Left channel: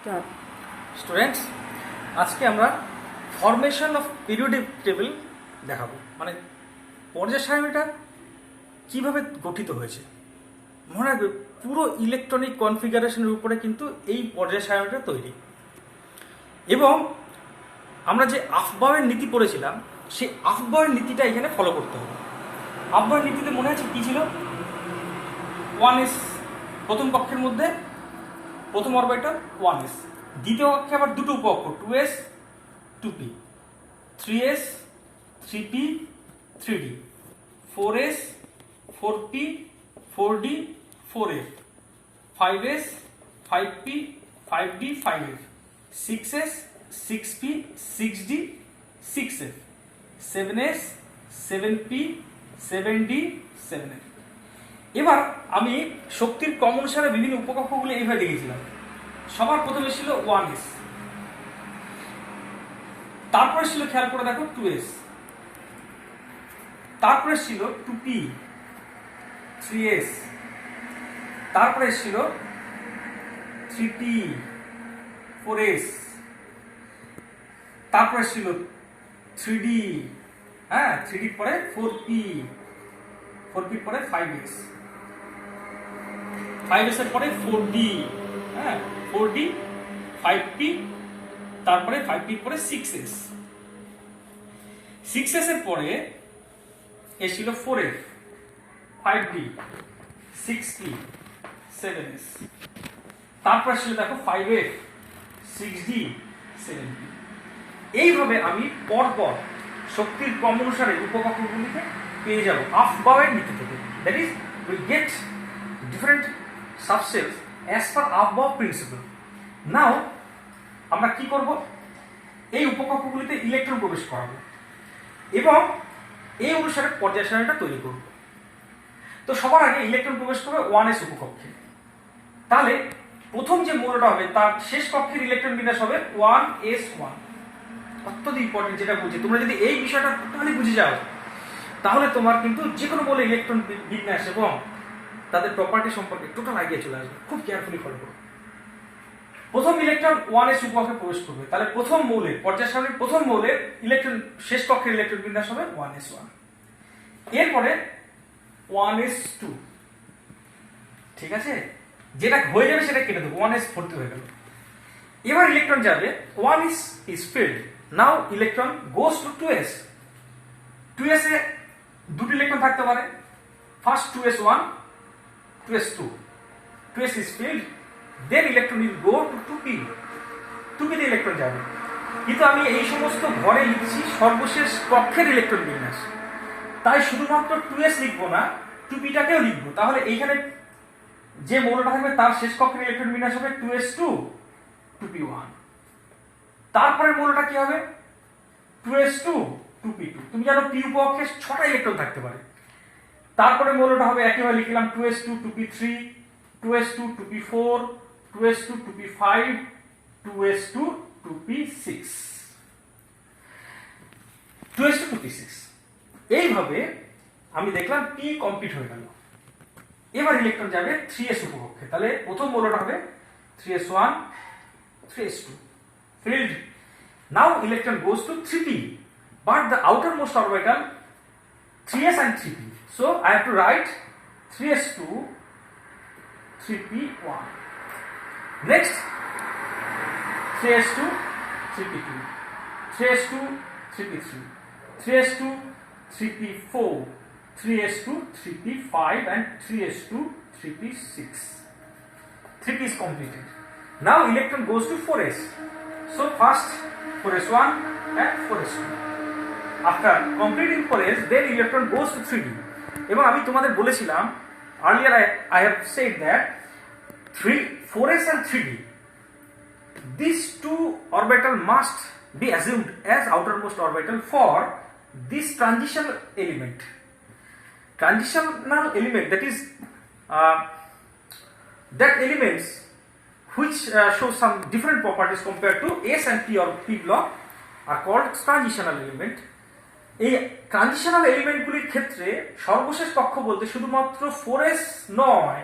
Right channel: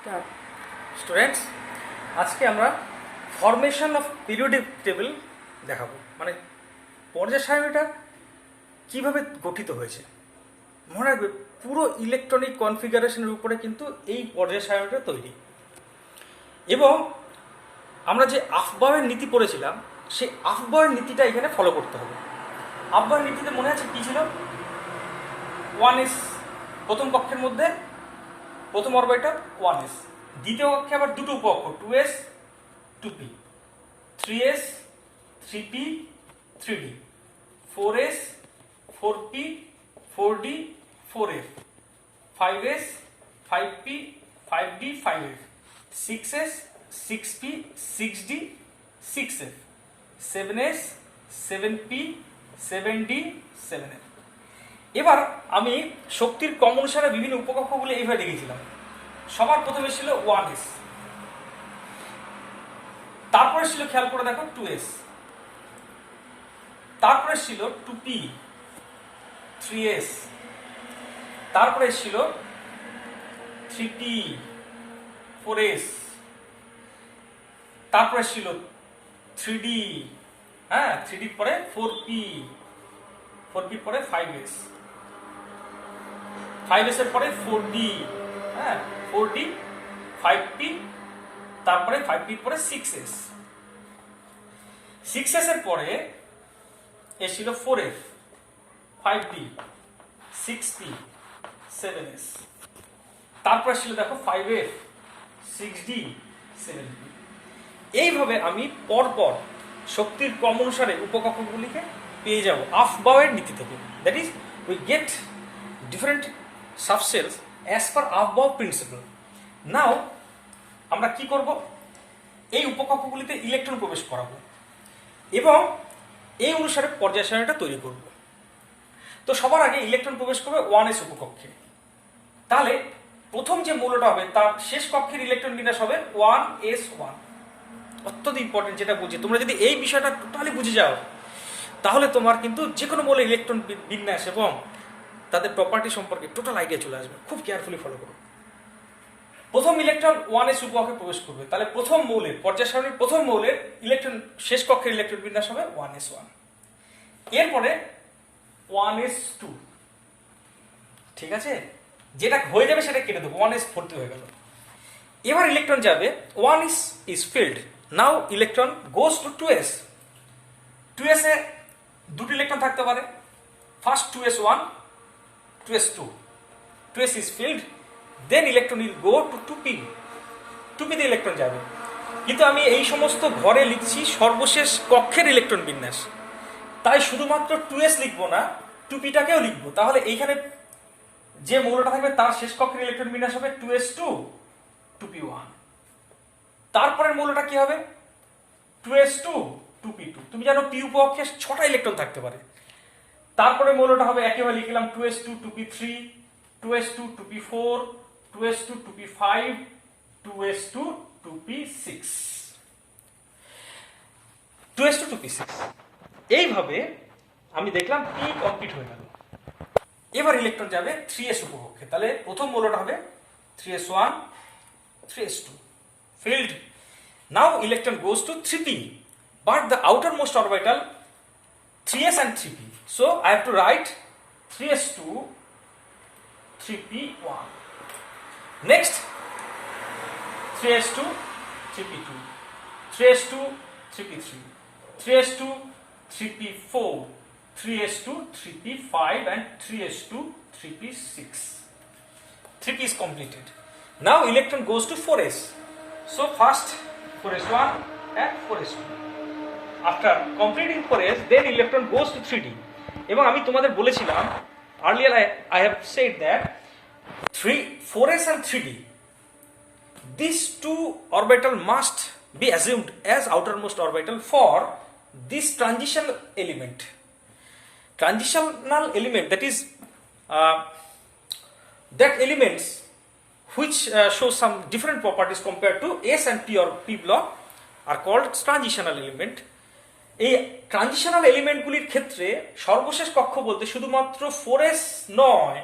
Start. Students, আজকে আমরা formation of periodic table দেখাবো, মানে পর্যায় সারণীটা কিভাবে গঠিত হয়েছে। মনে রাখবে, পুরো ইলেকট্রনিক কনফিগারেশনের উপরে কিন্তু এই পর্যায় সারণীটা তৈরি। এবং আমরা যে আফবাউয়ের নীতি পড়েছিলাম, সেই আফবাউয়ের নীতিটা এখানে ফলো করতে হবে। আফবাউয়ের নীতিতে মনে আছে কি ছিল? 1s প্রথম কক্ষের মধ্যে প্রথম অরবিটাল 1s, দ্বিতীয় কক্ষে আবার দুটো উপকক্ষ 2s 2p, 3s 3p 3d, 4s 4p 4d 4f, 5s 5p 5d 5f, 6s 6p 6d 6f, 7s 7p 7d 7f। এবার আমি শক্তির ক্রম অনুসারে বিভিন্ন উপকক্ষগুলো এইভাবে লিখেছিলাম। সবার প্রথমে ছিল 1s, তারপরে ছিল, খেয়াল করে দেখো, 2s, তারপরে ছিল 2p 3s, তারপরে ছিল 3p 4s, তারপরে ছিল 3d, হ্যাঁ 3d পরে 4p, 4p পরে 5s, 5s এর পরে 4d, হ্যাঁ 4d 5p, তারপরে 5p পরে 6s, 6s এর পরে এসেছিল 4f, 5d, 6p 7s, তারপর ছিল দেখো 5f, 6d 7p। এইভাবে আমি পরপর শক্তির ক্রম অনুসারে উপকক্ষগুলিকে পেয়ে যাব আফবাউয়ের নীতি থেকে। That is, we get different subcells as per Aufbau principle. Now আমরা কি করব? এই উপকক্ষগুলিতে ইলেকট্রন প্রবেশ করাবো এবং এই অনুসারে পর্যায় সারণীটা তৈরি করব। তো সবার আগে ইলেকট্রন প্রবেশ করবে 1s উপকক্ষে। তাহলে প্রথম যে মৌলটা হবে তার শেষ কক্ষের ইলেকট্রন বিন্যাস হবে 1s1। অত্যন্ত ইম্পর্টেন্ট, যেটা বুঝি তোমরা যদি এই বিষয়টা টোটালি বুঝে যাও, তাহলে তোমার কিন্তু যে কোনো বলে ইলেকট্রন বিন্যাস এবং তাদের প্রপার্টি সম্পর্কে টোটাল আইডিয়া চলে আসবে। খুব কেয়ারফুলি ফলো করো। প্রথম ইলেকট্রন 1s উপকক্ষে প্রবেশ করবে, তাহলে প্রথম মৌলের পর্যায় সারণীর প্রথম মৌলের ইলেকট্রন শেষ কক্ষের ইলেকট্রন বিন্যাস হবে 1s1। এরপরে 1s2, ঠিক আছে, যেটা হয়ে যাবে সেটা কেটে দেবো, 1s ভর্তি হয়ে গেল। এবার ইলেকট্রন যাবে, 1 is filled, now electron goes to 2s। 2s এ দুটি ইলেকট্রন থাকতে পারে, first 2s1, 2s2, 2s is filled, then electron will go to 2p, 2p তে ইলেকট্রন যাবে। কিন্তু আমি এই সমস্ত ঘরে লিখছি সর্বশেষ কক্ষের ইলেকট্রন বিন্যাস, তাই শুধুমাত্র 2s লিখবো না, 2pটাকেও লিখবো। তাহলে এইখানে যে মৌলটা থাকবে তার শেষ কক্ষের ইলেকট্রন বিন্যাস হবে 2s2 2p1। তারপরের মৌলটা কি হবে? 2s2 2p2। তুমি জানো p উপকক্ষে 6টা ইলেকট্রন থাকতে পারে। তারপরে মৌলটা হবে, একইভাবে লিখলাম, 2s2 2p3, 2s2 2p4, 2s2 2p5, 2s2 2p6, 2s2 2p6। এইভাবে আমি দেখলাম p কমপ্লিট হয়ে গেল। এবার ইলেকট্রন যাবে 3s উপকক্ষে, তাহলে প্রথম মৌলটা হবে 3s1 3s2 filled. Now electron goes to 3p, but the outermost orbital 3s and 3p, so I have to write 3s2 3p1. Next 3s2 3p2, 3s2 3p3, 3s2 3p4, 3s2 3p5 and 3s2 3p6. 3p is completed. Now electron goes to 4s. So first 4s1 and 4s2. After completing 4s, then electron goes to 3d. এবং আমি তোমাদের বলেছিলাম earlier, I have said that 4s and 3d, these two orbital must be assumed as outermost orbital for this transitional element. Transitional element, that is that elements which show some different properties compared to s and p or p block are called transitional element. এই transitional এলিমেন্টগুলির ক্ষেত্রে সর্বশেষ কক্ষ বলতে শুধুমাত্র 4s নয়,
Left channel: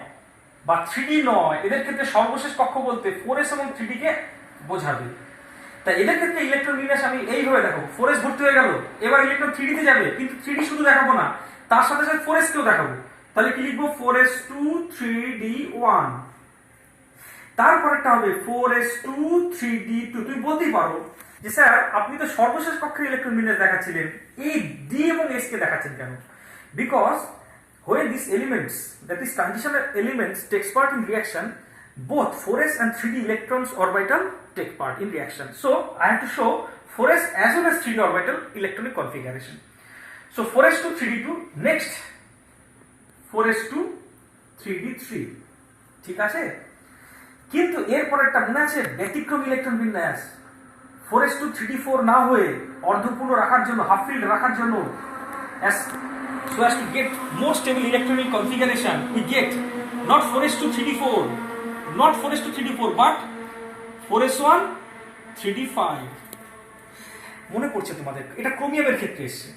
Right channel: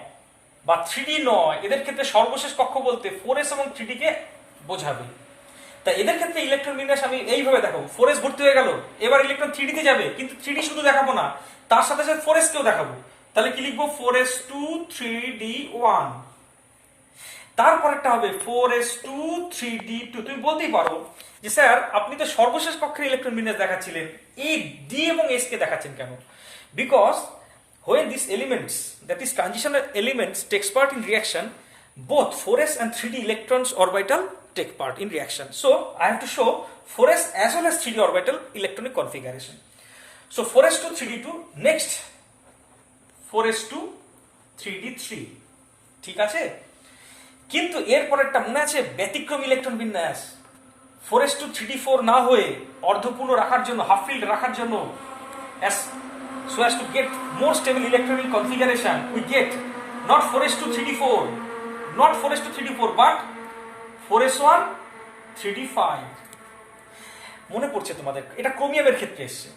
বা 3D নয়, এদের ক্ষেত্রে সর্বশেষ কক্ষ বলতে 4s এবং 3D কে বোঝাবে। তাই এদের ক্ষেত্রে ইলেকট্রন বিন্যাস আমি এইভাবে দেখাবো, 4s ভর্তি হয়ে গেল, এবার ইলেকট্রন 3D তে যাবে, কিন্তু 3D শুধু দেখাবো না, তার সাথে সাথে 4s কেও দেখাবো। তাহলে কি লিখবো? 4s2 3D1। তারপর একটা হবে 4s2 3D2। তুমি বলতেই পারো যে স্যার আপনি তো সর্বশেষ কক্ষের ইলেকট্রন বিন্যাস দেখাচ্ছিলেন, এই ডি এবং এস কে দেখাচ্ছেন কেন? Because when these elements, that is transitional elements, takes part in reaction, both 4s and 3D electrons orbital take part in reaction. So I have to show 4s as well as 3D orbital electronic configuration. So 4s2 3D2, next 4s2 3D3, ঠিক আছে? কিন্তু এর পরেরটা মনে আছে, ব্যতিক্রম electron বিন্যাস। 4s2 3D4 না হয়ে অর্ধপূর্ণ রাখার জন্য, হাফ ফিল্ড রাখার জন্য, so as to get more stable electronic configuration, we get not 4s2 3D4, not 4s2 3D4, but 4s1 3D5। মনে পড়ছে তোমাদের? এটা ক্রোমিয়ামের ক্ষেত্রে এসছে।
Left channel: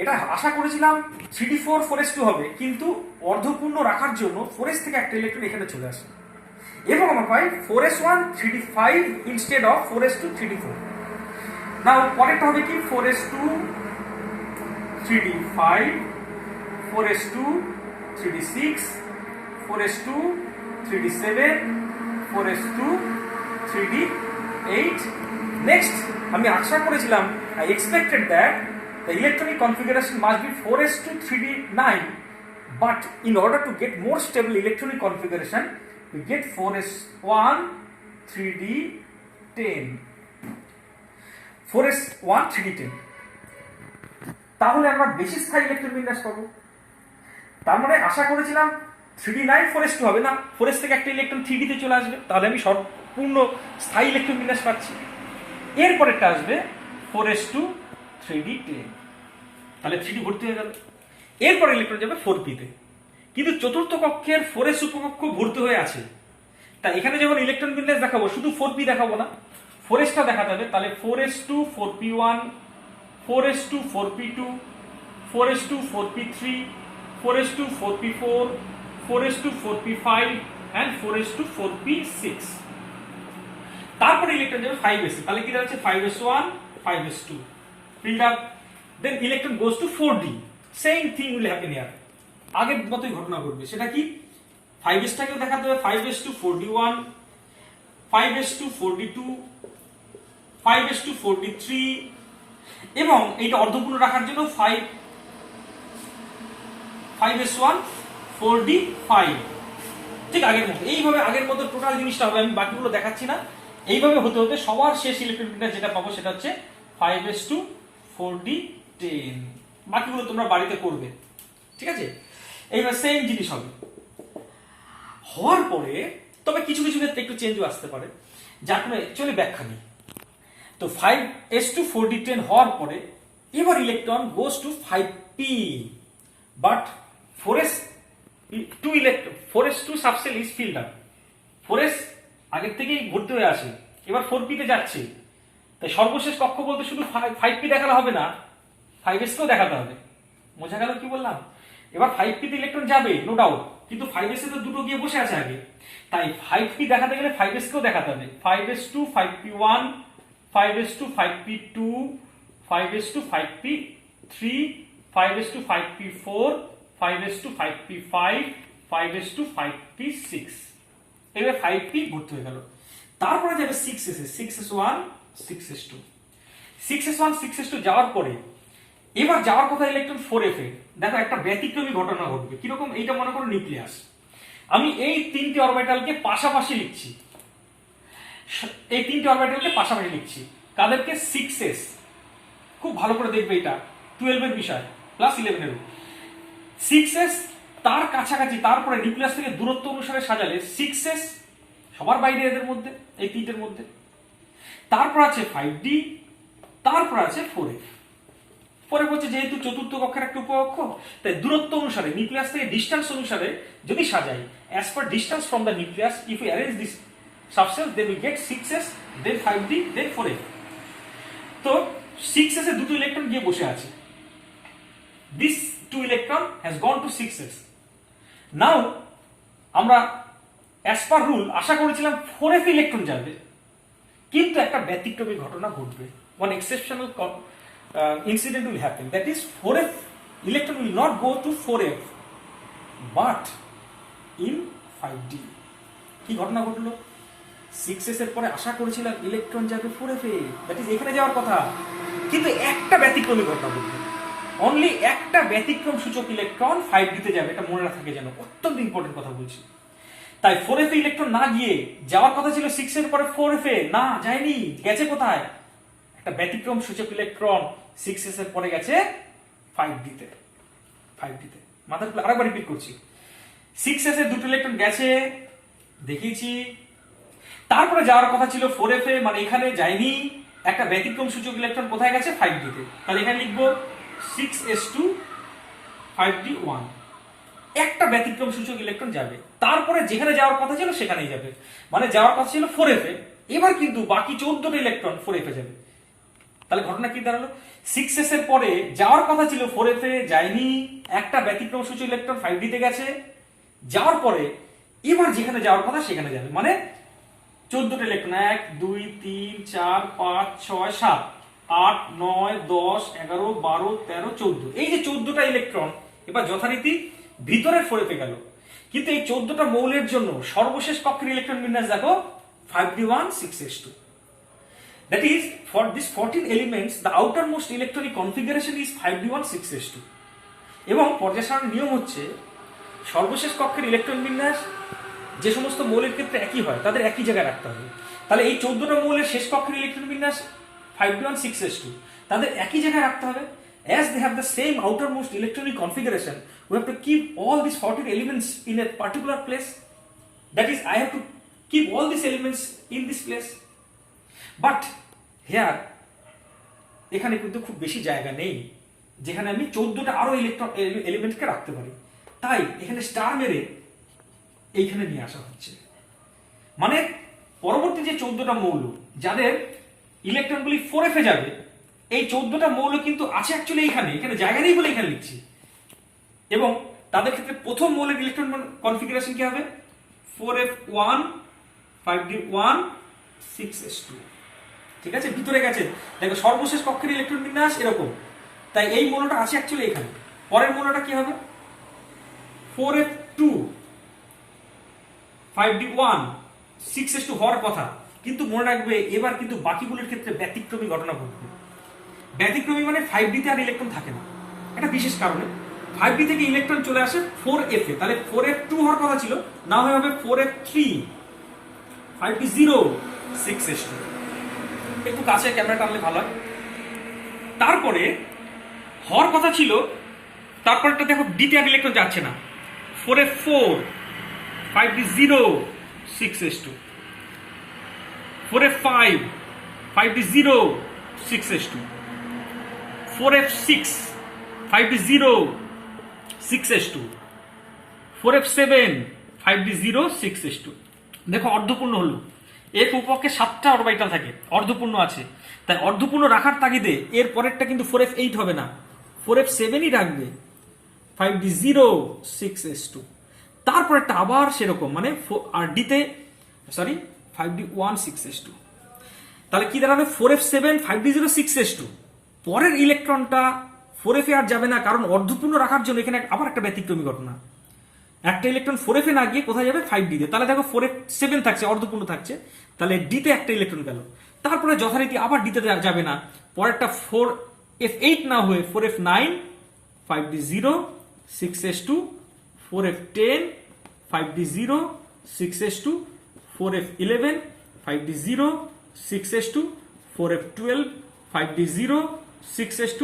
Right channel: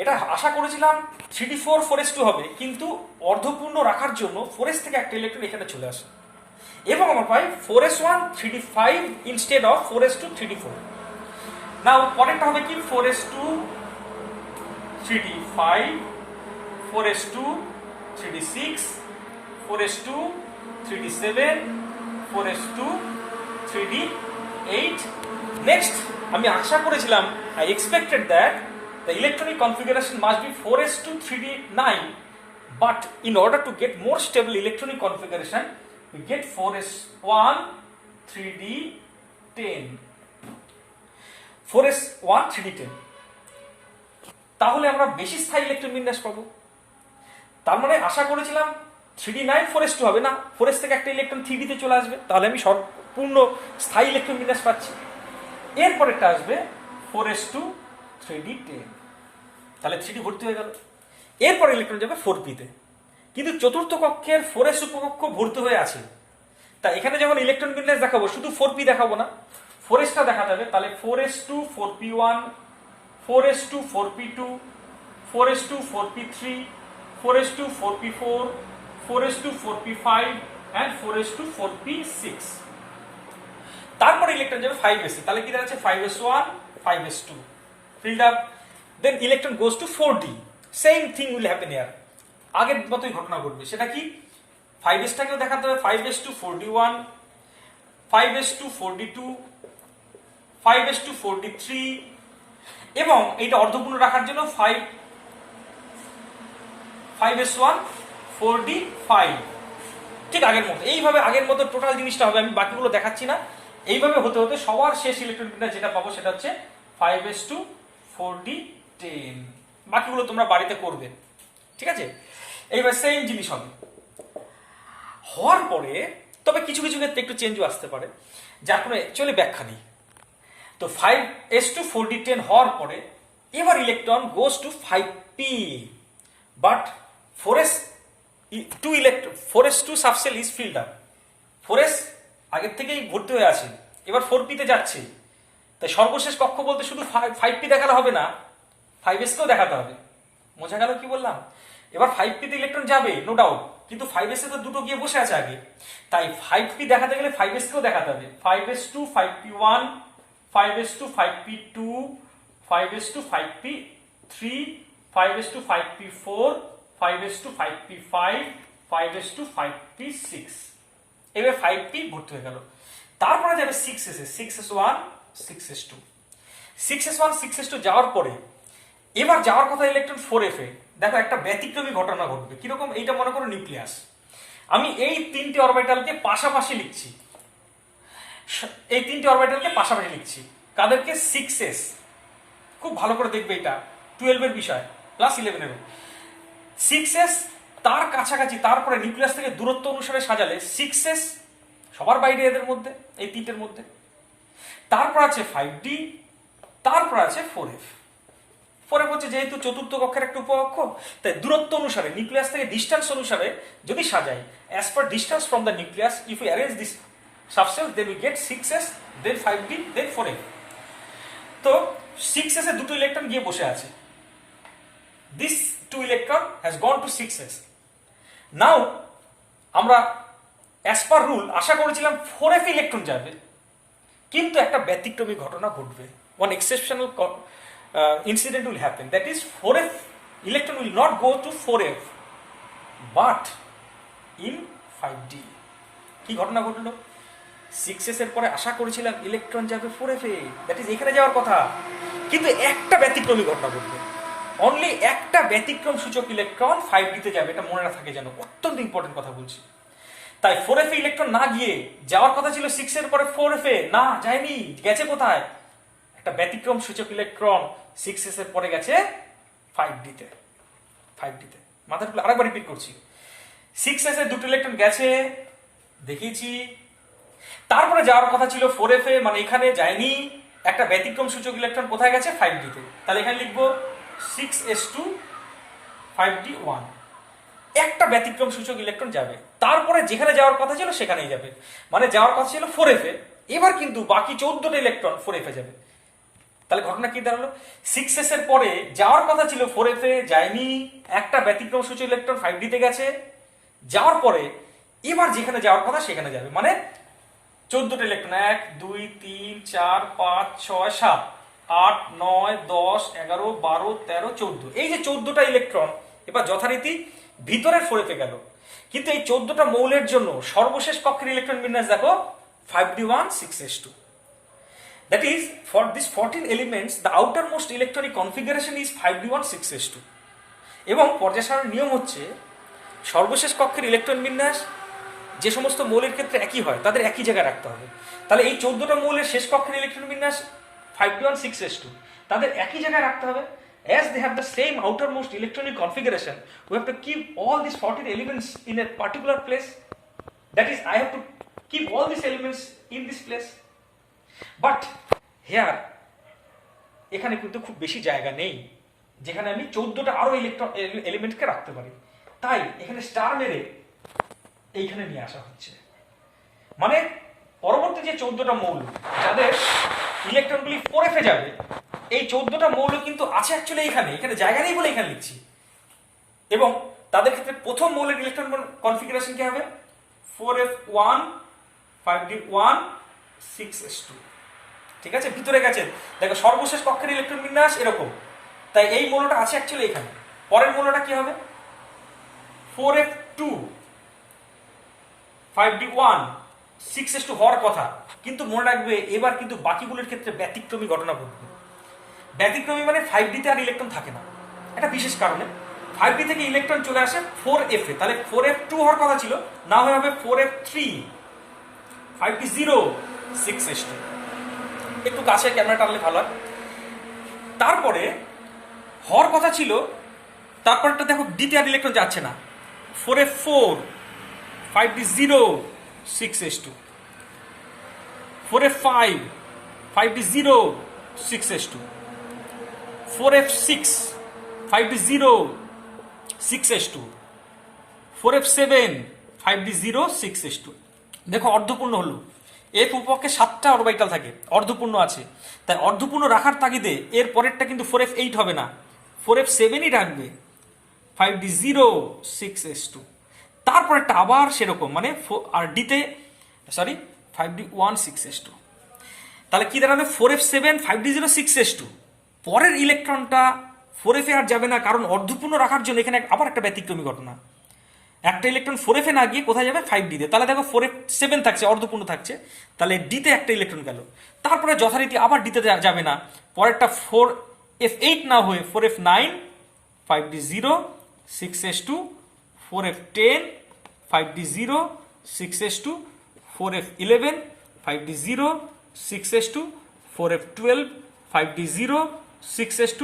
এটা আশা করেছিলাম 3D4 4s2 হবে, কিন্তু অর্ধপূর্ণ রাখার জন্য 4s থেকে একটা ইলেকট্রন এখানে চলে আসে এবং আমরা পাই 4s1 3D5 instead of 4s2 3D4। নাও পরেরটা হবে কি? 4s2 3D5, 4s2 3D6, 4s2 3D7, 4s2 3D8। Next আমি আশা করেছিলাম, I expected that the electronic configuration must be 4s2 3D9, but in order to get more stable electronic configuration we get 4s1 3D10, 4s1 3D10। তাহলে আমরা বেশি স্থায়ী electron বিন্যাস পাবো। তার মানে আশা করেছিলাম 3D9 4s2 হবে না, 4s থেকে একটা ইলেকট্রন 3D তে চলে আসবে, তাহলে আমি সম্পূর্ণ স্থায়ী ইলেকট্রন বিন্যাস পাচ্ছি। এরপরেরটা আসবে 4s2 3D10, তাহলে 3D ভর্তি হয়ে গেল। এরপর ইলেকট্রন যাবে 4p তে, কিন্তু চতুর্থ কক্ষের 4s উপকক্ষ ভর্তি হয়ে আছে, তাই এখানে যখন ইলেকট্রন বিন্যাস দেখাবো শুধু 4p দেখাবো না, 4sটা দেখাতে হবে। তাহলে 4s2 4p1, 4s2 4p2, 4s2 4p3, 4s2 4p4, 4s2 4p5 and 4s2 4p6। তারপরে ইলেকট্রন যাবে 5s, তাহলে কি দাঁড়াচ্ছে? 5s1 5s2 filled up, then electron goes to 4d, same thing will happen here, আগের মতোই ঘটনা ঘটবে। সেটা কি? 5s টাকেও দেখাতে হবে, 5s2 4d1, 5s2 4d2, 5s2 4d3 এবং এইটা অর্ধপূর্ণ রাখার জন্য 5s1 4d5, ঠিক আগের মতো। এইভাবে আগের মতো টোটাল জিনিসটা হবে, আমি বাকিগুলো দেখাচ্ছি না। এইভাবে হতে হতে সবার শেষ ইলেকট্রন বিন্যাস যেটা পাবো সেটা হচ্ছে 5s2 4d10। বাকিগুলো তোমরা বাড়িতে করবে, ঠিক আছে? এইবার সেম জিনিস হবে। হওয়ার পরে তবে কিছু কিছু ক্ষেত্রে একটু চেঞ্জও আসতে পারে, যার কোনো অ্যাকচুয়ালি ব্যাখ্যা নেই। তো 5s2 4d10 হওয়ার পরে এবার electron goes to 5p, but 4s2 subshell is filled up. 4s আগের থেকেই ভর্তি হয়ে আছে, এবার 4p তে যাচ্ছে, তাই সর্বশেষ কক্ষ বলতে শুধু 5p দেখালে হবে না, 5s কেও দেখাতে হবে। বোঝা গেল কি বললাম? এবার 5p তে ইলেকট্রন যাবে নো ডাউট, কিন্তু 5s এ তো দুটো গিয়ে বসে আছে আগে, তাই 5p দেখাতে গেলে 5s কেও দেখাতে হবে। 5s2 5p1, 5s2 5p2, 5s2 5p3, 5s2 5p4, 5s2 5p5, 5s2 5p6। এবার 5p ভর্তি হয়ে গেল। তারপরে যাবে 6s, 6s1 6s2, 6s1 6s2 যাওয়ার পরে এবার যাওয়ার কথা ইলেকট্রন 4f এ। দেখো একটা ব্যতিক্রমী ঘটনা ঘটবে। কিরকম? এইটা মনে করো নিউক্লিয়াস, আমি এই তিনটি অরবিটালকে পাশাপাশি লিখছি, এই তিনটি অরবিটালকে পাশাপাশি লিখছি। কাদেরকে? 6s, খুব ভালো করে দেখবে, এটা 12 এর বিষয় প্লাস 11 এর। 6s তার কাছাকাছি, তারপরে নিউক্লিয়াস থেকে দূরত্ব অনুসারে সাজালে 6s সবার বাইরে এদের মধ্যে, এই তিনটের মধ্যে। তারপর আছে 5d, তারপর আছে 4f। 4f হচ্ছে যেহেতু চতুর্থ কক্ষের একটা উপকক্ষ, তাই দূরত্ব অনুসারে নিউক্লিয়াস থেকে ডিস্টেন্স অনুসারে যদি সাজাই, as per distance from the nucleus, if we arrange this substance then we get 6s, then 5d, then 4f। তো 6s এ দুটো ইলেকট্রন গিয়ে বসে আছে, this 2 electron has gone to 6s। নাও আমরা অ্যাজ পার রুল আশা করেছিলাম 4f ইলেকট্রন যাবে, কিন্তু একটা ব্যতিক্রমী ঘটনা ঘটবে। One exceptional incident will happen, that is 4f electron will not go to 4f but in 5d। কি ঘটনা ঘটলো? 6s এর পরে আশা করেছিলাম ইলেকট্রন যাবে 4f এ, দ্যাট ইজ এখানে যাওয়ার কথা, কিন্তু একটা ব্যতিক্রমী ঘটনা ঘটবে। অনলি একটা ব্যতিক্রম সূচক ইলেকট্রন 5d তে যাবে, এটা মনে রাখা যেন, অত্যন্ত ইম্পর্টেন্ট কথা বলছি। তাই 4f এ ইলেকট্রন না গিয়ে যাওয়ার কথা ছিল 6 এর পরে 4f এ, না যায়নি, গেছে কোথায়? একটা ব্যতিক্রম সূচক ইলেকট্রন 6s এর পরে গেছে 5d তে। 5d তে মাথার উপরে আরেকবার রিপিট করছি, 6s এ দুটো ইলেকট্রন গেছে দেখিয়েছি, তারপরে যাওয়ার কথা ছিল 4f এ, মানে এখানে যায়নি, একটা ব্যতিক্রম সূচক ইলেকট্রন কোথায় গেছে? 5d তে। তাহলে এখানে লিখবো 6s2 5d 1, একটা ব্যতিক্রম সূচক ইলেকট্রন যাবে, তারপরে যেখানে যাওয়ার কথা ছিল সেখানেই যাবে, মানে যাওয়ার কথা ছিল 4f এ, এবার কিন্তু বাকি 14টা ইলেকট্রন 4f এ যাবে। তাহলে ঘটনা কি দাঁড়ালো? 6s এর পরে যাওয়ার কথা ছিল 4f এ, যায়নি, একটা ব্যতিক্রম সূচক ইলেকট্রন 5d তে গেছে, যাওয়ার পরে এবার যেখানে যাওয়ার কথা সেখানে যাবে, মানে 14টা ইলেকট্রন 1 2 3 4 5 6 7 8 9 10 11 12 13 14, এই যে 14টা ইলেকট্রন এবার যথারীতি ভিতরের 4f এ গেল। কিন্তু এই 14টা মৌলের জন্য সর্বশেষ কক্ষের ইলেকট্রন বিন্যাস দেখো 5d1 6s2। That is, for these 14 elements, the outermost electronic configuration is 5d1 6s2. এবং পর্যায় সারণীর নিয়ম হচ্ছে সর্বশেষ কক্ষের ইলেকট্রন বিন্যাস যে সমস্ত মৌলের ক্ষেত্রে একই হয় তাদের একই জায়গায় রাখতে হবে। তাহলে এই 14টা মৌলের শেষ কক্ষের ইলেকট্রন বিন্যাস 5d1 6s2 তাদের একই জায়গায় রাখতে হবে। As they have the same outermost electronic configuration, we have to keep all these 14 elements in a particular place. That is, I have to keep all these elements in this place. But here, এখানে কিন্তু খুব বেশি জায়গা নেই যেখানে আমি 14টা আরো electron এলিমেন্টকে রাখতে পারি, তাই এখানে স্টার মেরে এইখানে নিয়ে আসা হচ্ছে। মানে পরবর্তী যে 14টা মৌল যাদের ইলেকট্রনগুলি 4f এ যাবে, এই 14টা মৌল কিন্তু আছে অ্যাকচুয়ালি এখানে, এখানে জায়গা নেই বলে এখানে লিখছি। এবং তাদের ক্ষেত্রে প্রথম মৌলের ইলেকট্রন কনফিগারেশন কি হবে? 4f1 5d1 6s2। ঠিক আছে, ভিতরে গেছে, দেখো সর্বশেষ কক্ষের ইলেকট্রন বিন্যাস এরকম, তাই এই মৌলটা আছে অ্যাকচুয়ালি এখানে। পরের মৌলটা কি হবে? 4f2 5d1 6s2 হওয়ার কথা, কিন্তু মনে রাখবে এবার কিন্তু বাকিগুলোর ক্ষেত্রে ব্যতিক্রমী ঘটনা ঘটবে। ব্যতিক্রমী মানে 5d তে আর ইলেকট্রন থাকে না, একটা বিশেষ কারণে 5d থেকে ইলেকট্রন চলে আসে 4f এ। তাহলে 4f2 হওয়ার কথা ছিল, না হয়ে হবে 4f3 5d0 6s2। একটু কাছে ক্যামেরাটা আনলে ভালো। তারপরে হওয়ার কথা ছিল, তারপরটা দেখো ডিতে আর ইলেকট্রন যাচ্ছে না, 4f4 5d0 6s2, 4f5 5d0 6s2, 4f6 5d0 6s2, 4f7 5d0 6s2। দেখো অর্ধপূর্ণ হলো, এর উপপক্ষে 7টা অরবিটাল থাকে, অর্ধপূর্ণ আছে, তাই অর্ধপূর্ণ রাখার তাগিদে এর পরেরটা কিন্তু 4f8 হবে না, 4f7ই রাখবে 5d0 6s2। তারপরেরটা আবার সেরকম, মানে আর ডিতে 5d1 6s2। তাহলে কি দাঁড়াবে? 4f7 5d0 6s2। পরের ইলেকট্রনটা 4f এ আর যাবে না, কারণ অর্ধপূর্ণ রাখার জন্য এখানে আবার একটা ব্যতিক্রমী ঘটনা, একটা ইলেকট্রন 4f এ না গিয়ে কোথায় যাবে? 5d তে। তাহলে দেখো 4f7 থাকছে, অর্ধপূর্ণ থাকছে, তাহলে ডি তে একটা ইলেকট্রন গেল, তারপরে যথারীতি আবার ডি তে যাবে না, পরেরটা 4f8 না হয়ে 4f9 5d0 6s2, 4f10 5d0 6s2, 4f11 5d0 6s2, 4f12 5d0 6s2,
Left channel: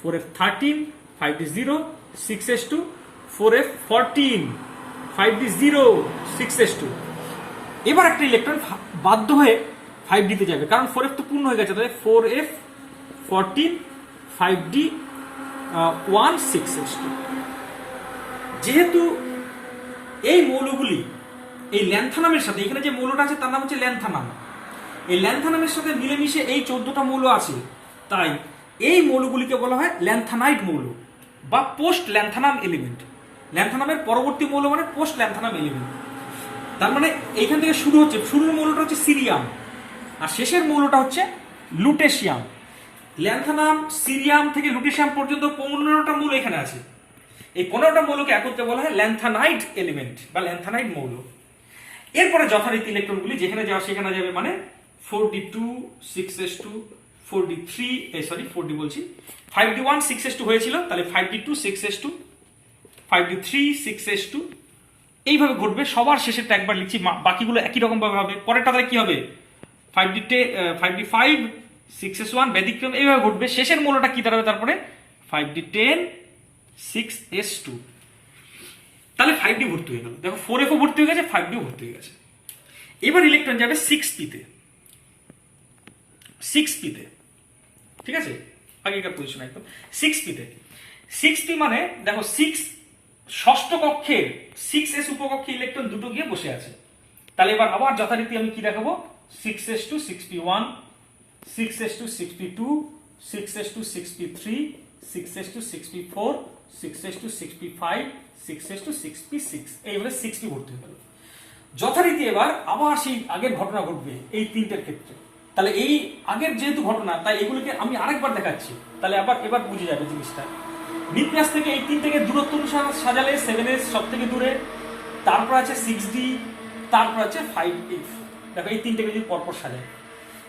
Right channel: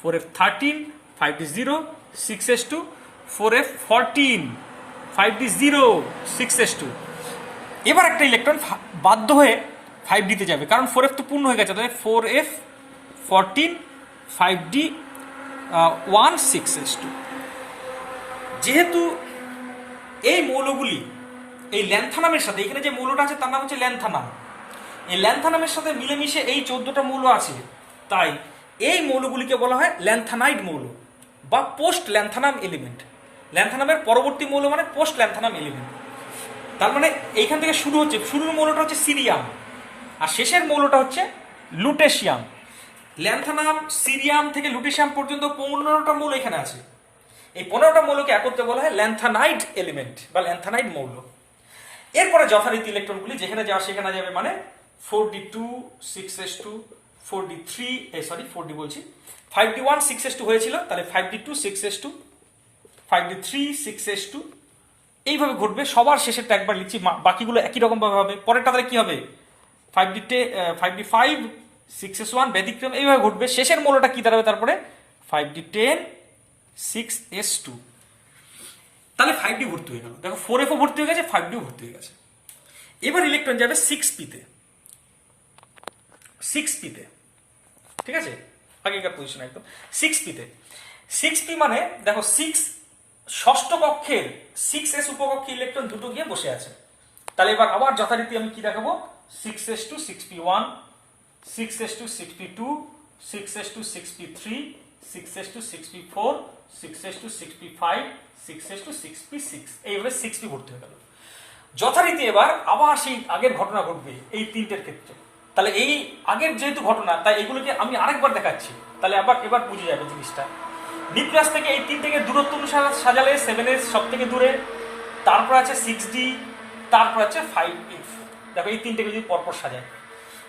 4f13 5d0 6s2, 4f14 5d0 6s2। এবার একটা ইলেকট্রন বাধ্য হয়ে 5d তে যাবে, কারণ 4f তো পূর্ণ হয়ে গেছে, তাহলে 4f14 5d1 6s2। যেহেতু এই মৌলগুলি এই ল্যান্থানামের সাথে, এখানে যে মৌলটা আছে তার নাম হচ্ছে ল্যান্থানাম, এই ল্যান্থানামের সাথে মিলেমিশে এই 14টা মৌল আছে, তাই এই মৌলগুলিকে বলা হয় ল্যান্থানাইড মৌল বা পোস্ট ল্যান্থানাম এলিমেন্ট। ল্যান্থানামের পরবর্তী মৌল মানে পোস্ট ল্যান্থানাম এলিমেন্ট। তার মানে এইখান থেকে শুরু হচ্ছে, শুরুর মৌলটা হচ্ছে সিরিয়াম আর শেষের মৌলটা হচ্ছে লুটেশিয়াম। ল্যান্থানাম, সিরিয়াম থেকে লুটেশিয়াম পর্যন্ত 15টা মৌল এখানে আছে। এই 15টা মৌলকে একত্রে বলা হয় ল্যান্থানাইড এলিমেন্ট বা ল্যান্থানাইড মৌল। এরপরে যথারীতি ইলেকট্রনগুলি যেখানে যাওয়া সেখানে যাবে, মানে 4d2 6s2 4d3 4d বলছি 5d1 6s2 হয়েছিল, তাহলে 5d2 6s2 5d3 6s2 এইভাবে ঘটবে। সবার শেষেরটা একবার লিখছি, বাকিগুলো একই রকম ভাবে হবে। পরেরটা তাহলে কি হবে 5d5 6s1 ব্যতিক্রম এইভাবে ঘটবে। শেষের মৌলটা কি দাঁড়াবে তারপরে 5d10 6s2। তাহলে 5d ভর্তি হয়ে গেল। দেখো 4f ভর্তি হয়ে গেছে, 5d ভর্তি হয়ে গেছে। এবার ইলেকট্রন যাবে 6p তে, 6p তে, ঠিক আছে, আগেকার পজিশন একদম 6p তে। 6p মানে দেখো 6 ষষ্ঠ কক্ষের 6s উপকক্ষে ইলেকট্রন দুটো গিয়ে বসে আছে। তাহলে এবার আবার যথারীতি আমি কি দেখাবো 6s2 6p1 6s2 6p2 6s2 6p3 6s2 6p4 6s2 6p5 6s2 6p6 এইভাবে 6p ভর্তি হয়ে গেল। যথারীতি এবার আবার সেই আগের ঘটনা ঘটবে এই তিনটের ক্ষেত্রে। তাহলে এই আগের যেহেতু ঘটনা, তাই এগুলোকে আমি আরেকবার দেখাচ্ছি, তাহলে এবার বুঝে যাবে জিনিসটা। নিউক্লিয়াস থেকে এই তিন থেকে দূরত্ব অনুসারে সাজালে 7s সব থেকে দূরে, তারপর আছে 6d, তারপর আছে 5f। দেখো এই তিনটে যদি পরপর সাজায়,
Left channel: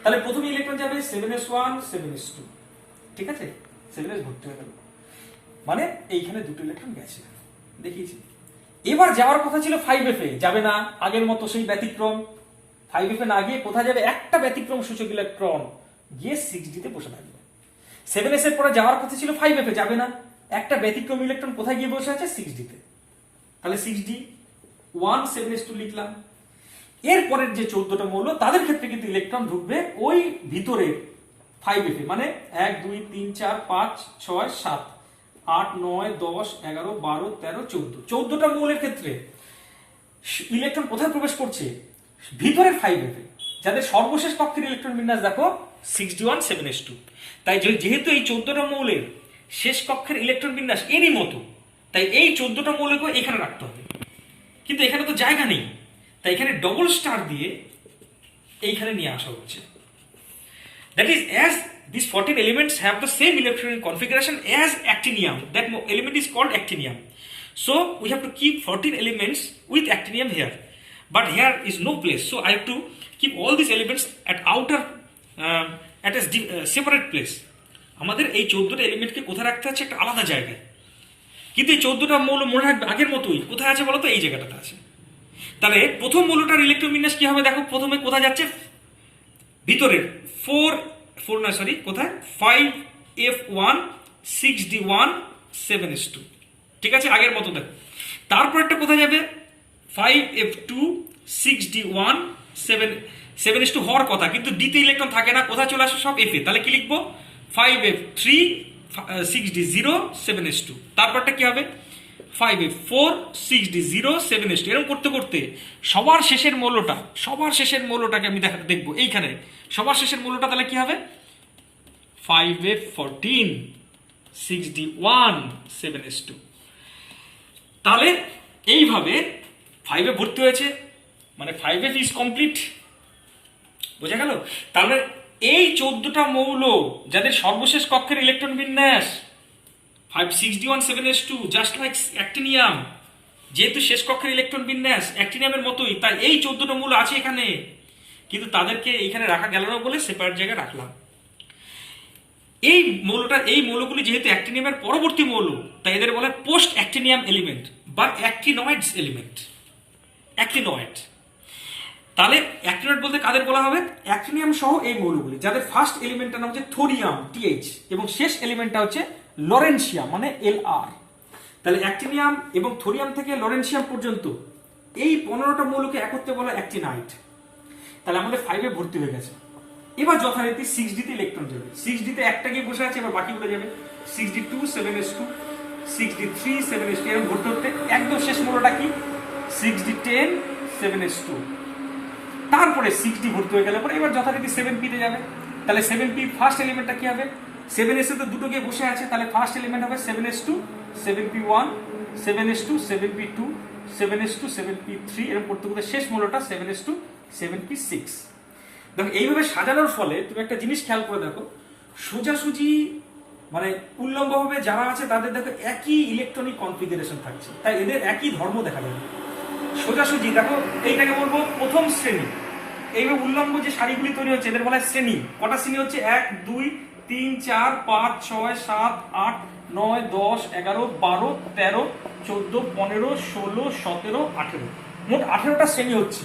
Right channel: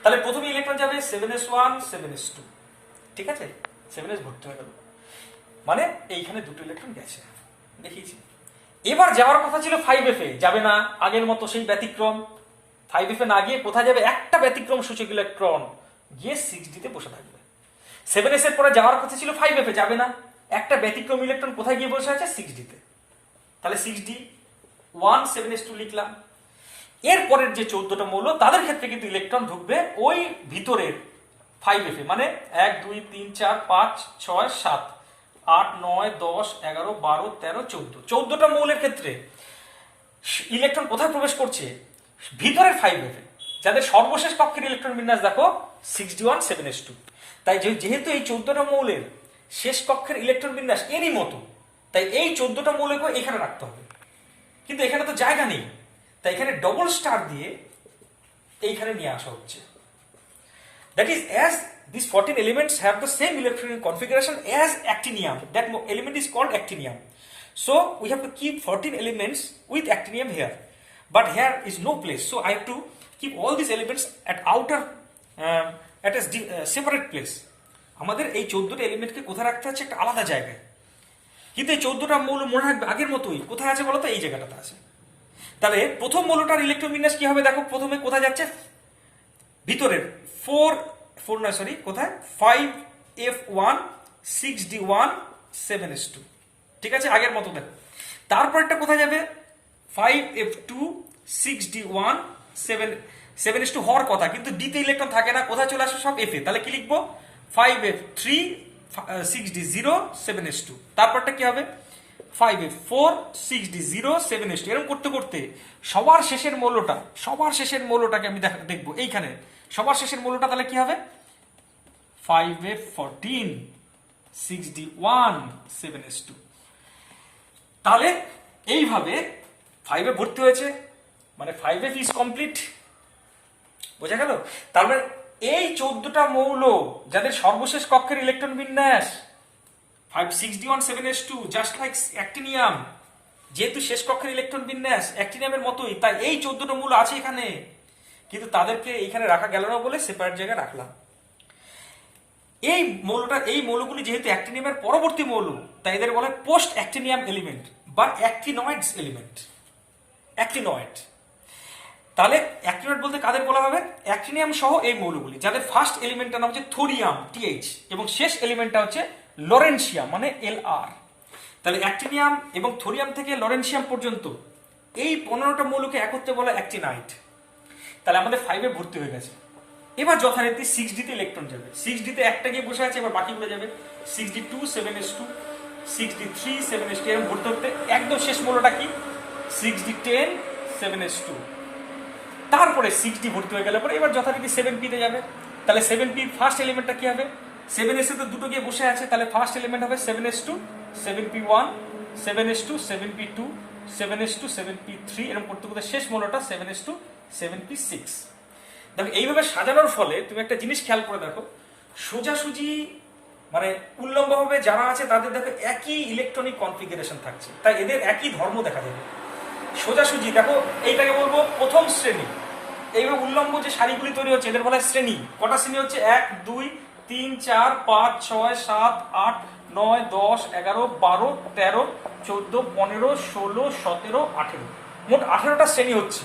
তাহলে প্রথমে ইলেকট্রন যাবে 7s1 7s2, ঠিক আছে, 7s ভর্তি হয়ে গেল, মানে এইখানে দুটো ইলেকট্রন গেছে, দেখিয়েছি। এবার যাওয়ার কথা ছিল 5f এ, যাবে না, আগের মতো সেই ব্যতিক্রম। 5f এ না গিয়ে কোথায় যাবে, একটা ব্যতিক্রম সূচক ইলেকট্রন গিয়ে 6d তে বসে থাকবে। 7s এর পরে যাওয়ার কথা ছিল 5f এ, যাবে না, একটা ব্যতিক্রম ইলেকট্রন কোথায় গিয়ে বসে আছে 6d তে। তাহলে 6d 1 7s2 লিখলাম। এরপরের যে 14টা মৌল তাদের ক্ষেত্রে কিন্তু ইলেকট্রন ঢুকবে ওই ভিতরের 5f এ, মানে 1 2 3 4 5 6 7 8 9 10 11 12 13 14 14টা মৌলের ক্ষেত্রে ইলেকট্রন কোথায় প্রবেশ করছে, ভিতরের 5f এ, যাদের সর্বশেষ কক্ষের ইলেকট্রন বিন্যাস দেখো 6d1 7s2। তাই যেহেতু এই 14টা মৌলের শেষ কক্ষের ইলেকট্রন বিন্যাস এরই মতো, তাই এই 14টা মৌলকেও এখানে রাখতে হবে, কিন্তু এখানে তো জায়গা নেই, তাই এখানে ডবল স্টার দিয়ে এইখানে নিয়ে আসা হচ্ছে। That is as these 14 elements have the same electronic configuration as actinium, that element is called actinium. So we have to keep 14 elements with actinium here, but here is no place, so I have to keep all these elements at outer at a separate place. আমাদের এই 14টা এলিমেন্টকে কোথায় রাখতে হচ্ছে, একটা আলাদা জায়গায়। কিন্তু এই 14টা মৌল মনে রাখবে আগের মতোই, কোথায় আছে বলতো, এই জায়গাটাতে আছে। তাহলে প্রথম মৌলটার ইলেকট্রন বিন্যাস কি হবে দেখো, প্রথমে কোথায় যাচ্ছে, ভিতরের 5f1 6d1 7s2, ঠিক আছে, আগের মতো দেখো। তারপরটা কোথায় যাবে 5f2 6d1 7s2 হওয়ার কথা, কিন্তু d তে ইলেকট্রন থাকে না, কোথায় চলে আসে সব f এ। তাহলে কি লিখবো 5f3 6d0 7s2। তারপরটা কি হবে 5f4 6d0 7s2। এরকম করতে করতে সবার শেষের মৌলটাকে আমি দেখবো এইখানে, সবার শেষের মৌলটা তাহলে কি হবে 5f14 6d1 7s2। তাহলে এইভাবে 5 এ ভর্তি হয়েছে, মানে 5f ইজ কমপ্লিট, বোঝা গেল। তাহলে এই 14টা মৌল যাদের সর্বশেষ কক্ষের ইলেকট্রন বিন্যাস 5 6d1 7s2 just like actinium, যেহেতু শেষ কক্ষের ইলেকট্রন বিন্যাস অ্যাক্টিনিয়ামের মতোই, তাই এই 14টা মৌল আছে এখানে, কিন্তু তাদেরকে এখানে রাখা গেল না বলে সেপারেট জায়গায় রাখলাম। এই মৌলগুলি যেহেতু অ্যাক্টিনিয়ামের পরবর্তী মৌল, তাই এদের বলে পোস্ট অ্যাক্টিনিয়াম এলিমেন্ট বা অ্যাক্টিনয়েডস এলিমেন্ট, অ্যাক্টিনয়েড। তাহলে অ্যাক্টিনয়েড বলতে কাদের বলা হবে, অ্যাক্টিনিয়াম সহ এই মৌলগুলি, যাদের ফার্স্ট এলিমেন্টটার নাম হচ্ছে থোরিয়াম TH এবং শেষ এলিমেন্টটা হচ্ছে লরেনশিয়াম মানে LR। তাহলে অ্যাক্টিনিয়াম এবং থোরিয়াম থেকে লরেনশিয়াম পর্যন্ত এই 15টা মৌলকে একত্রে বলা অ্যাক্টিনাইড। তাহলে আমাদের 5 এ ভর্তি হয়ে গেছে। এবার যথারীতি 6d তে ইলেকট্রন যাবে, 6d তে একটা গিয়ে বসে আছে, এবার বাকিগুলো যাবে 6d2 7s2 6d3 7s2, এরকম ভর্তি হতে একদম শেষ মৌলটা কি 6d10 7s2। তারপরে 6d ভর্তি হয়ে গেলে পরে এবার যথারীতি 7p তে যাবে। তাহলে 7p ফার্স্ট এলিমেন্টটা কি হবে, 7s2 তো দুটো গিয়ে বসে আছে, তাহলে ফার্স্ট এলিমেন্ট হবে 7s2 7p1 7s2 7p2 7s2 এরকম করতে করতে শেষ মৌলটা 7s2 দেখো এইভাবে সাজানোর ফলে তুমি একটা জিনিস খেয়াল করে দেখো, সোজাসুজি মানে উল্লম্বভাবে যারা আছে তাদের দেখো একই ইলেকট্রনিক কনফিগারেশন থাকছে, তাই এদের একই ধর্ম দেখা যাবে। সোজাসুজি দেখো এইটাকে বলবো প্রথম শ্রেণী। এইভাবে উল্লম্ব যে সারিগুলি তৈরি হচ্ছে এদের বলা হয় শ্রেণী। কটা শ্রেণী হচ্ছে? 1 2 3 4 5 6 7 8 9 10 11 12 13 14 15 16 17 18, মোট 18টা শ্রেণী হচ্ছে।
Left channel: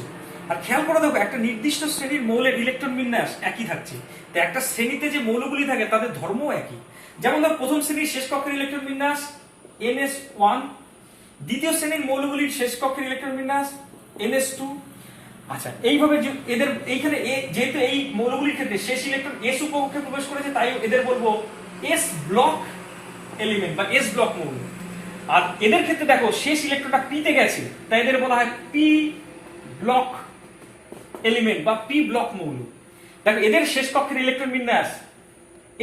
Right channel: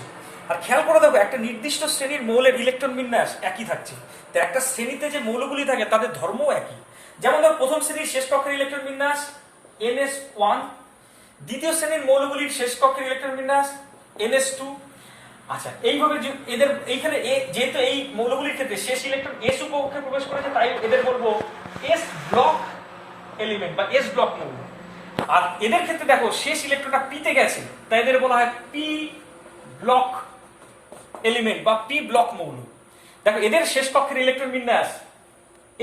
আর খেয়াল করে দেখো একটা নির্দিষ্ট শ্রেণীর মৌলের ইলেকট্রন বিন্যাস একই থাকছে, তো একটা শ্রেণীতে যে মৌলগুলি থাকে তাদের ধর্মও একই। যেমন ধর প্রথম শ্রেণীর শেষ কক্ষের ইলেকট্রন বিন্যাস NS1, দ্বিতীয় শ্রেণীর মৌলগুলির শেষ কক্ষের ইলেকট্রন বিন্যাস NS2। আচ্ছা, এইভাবে এদের এইখানে যেহেতু এই মৌলগুলির ক্ষেত্রে শেষ ইলেকট্রন S উপকক্ষে প্রবেশ করেছে, তাই এদের বলবো S ব্লক এলিমেন্ট বা S ব্লক মৌল। আর এদের ক্ষেত্রে দেখো শেষ ইলেকট্রনটা P তে গেছে, তাই এদের বলা হয় P ব্লক এলিমেন্ট বা P ব্লক মৌল। দেখো এদের শেষ কক্ষের ইলেকট্রন বিন্যাস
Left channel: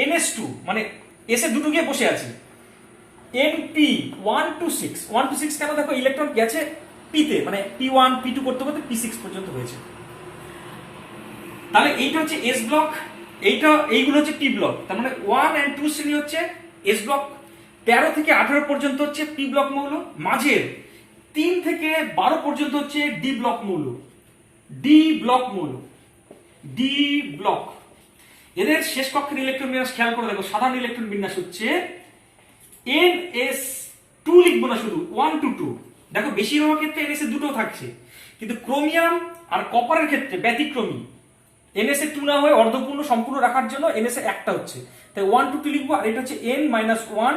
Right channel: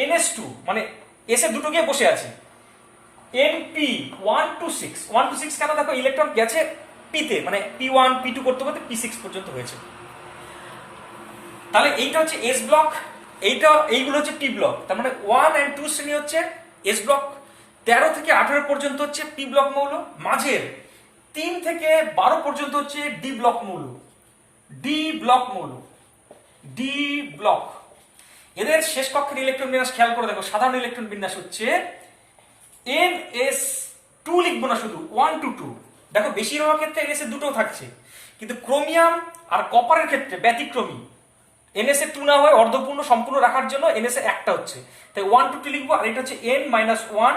NS2, মানে S এ দুটো গিয়ে বসে আছে, NP 1 to 6 1 to 6 কেন? দেখো ইলেকট্রন গেছে P তে, মানে P1 P2 করতে করতে P6 পর্যন্ত হয়েছে। তাহলে এইটা হচ্ছে S ব্লক, এইগুলো হচ্ছে P ব্লক। তার মানে 1 and 2 শ্রেণী হচ্ছে S ব্লক, 13 থেকে 18 পর্যন্ত হচ্ছে P ব্লক মৌল, মাঝের 3 থেকে 12 পর্যন্ত হচ্ছে D ব্লক মৌল। D ব্লক মৌল, D ব্লক। এদের শেষ কক্ষের ইলেকট্রন বিন্যাস খেয়াল করে দেখো, সাধারণ ইলেকট্রন বিন্যাস হচ্ছে NS2, লিখবো না শুধু 1 to 2। দেখো বেশিরভাগ ক্ষেত্রে NS এ দুটো থাকছে, কিন্তু ক্রোমিয়াম আর কপারের ক্ষেত্রে ব্যতিক্রমী, NS এ 2 না হয়ে অর্ধপূর্ণ সম্পূর্ণ রাখার জন্য NS এ একটা হচ্ছে, তাই 1 to 2 লিখবো। আর এটা হচ্ছে N-1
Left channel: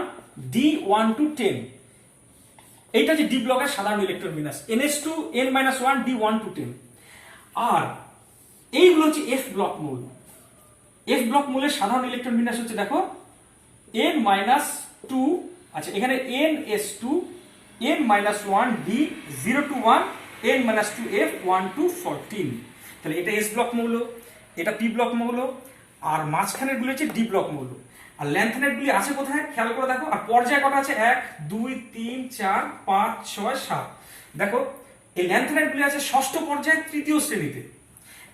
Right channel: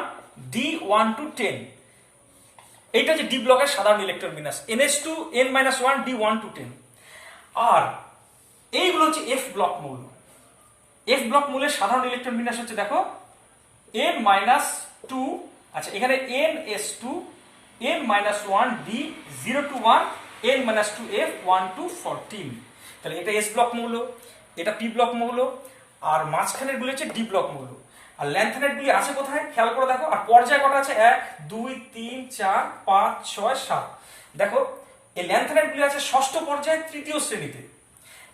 D 1 to 10, এইটা হচ্ছে D ব্লকের সাধারণ ইলেকট্রন বিন্যাস, NS2 N-1 D 1 to 10। আর এইগুলো হচ্ছে F ব্লক মৌল। F ব্লক মৌলের সাধারণ ইলেকট্রন বিন্যাস হচ্ছে দেখো N-2, আচ্ছা এখানে NS2 N-1 D 0 to 1 N-2 F 1 to 14। তাহলে এটা S ব্লক মৌল, এটা P ব্লক মৌল, আর মাঝখানের গুলো হচ্ছে D ব্লক মৌল। আর ল্যান্থেনাইট গুলি আছে কোথায় খেয়াল করে দেখো, আর পর্যায় কটা আছে? 1 2 3 4 5 6 7। দেখো এই ল্যান্থেনাইট গুলি আছে ষষ্ঠ পর্যায়ে তৃতীয় শ্রেণীতে,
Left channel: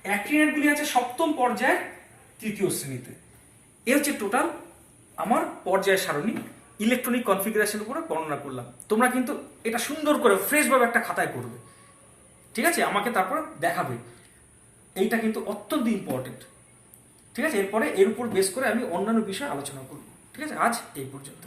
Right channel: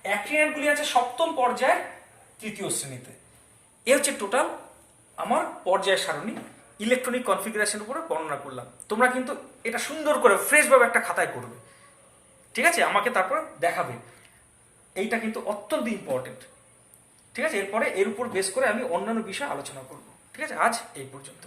অ্যাক্টিনাইট গুলি আছে সপ্তম পর্যায়ে তৃতীয় শ্রেণীতে। এ হচ্ছে টোটাল আমার পর্যায় সারণী ইলেকট্রনিক কনফিগারেশনের উপরে বর্ণনা করলাম। তোমরা কিন্তু এটা সুন্দর করে ফ্রেশ ভাবে একটা খাতায় করবে, ঠিক আছে? আমাকে তারপর দেখাবে, এইটা কিন্তু অত্যন্ত ইম্পর্টেন্ট, ঠিক আছে? এরপরে এর উপর বেস করে আমি অন্যান্য বিষয় আলোচনা করব, ঠিক আছে? আজ এই পর্যন্ত।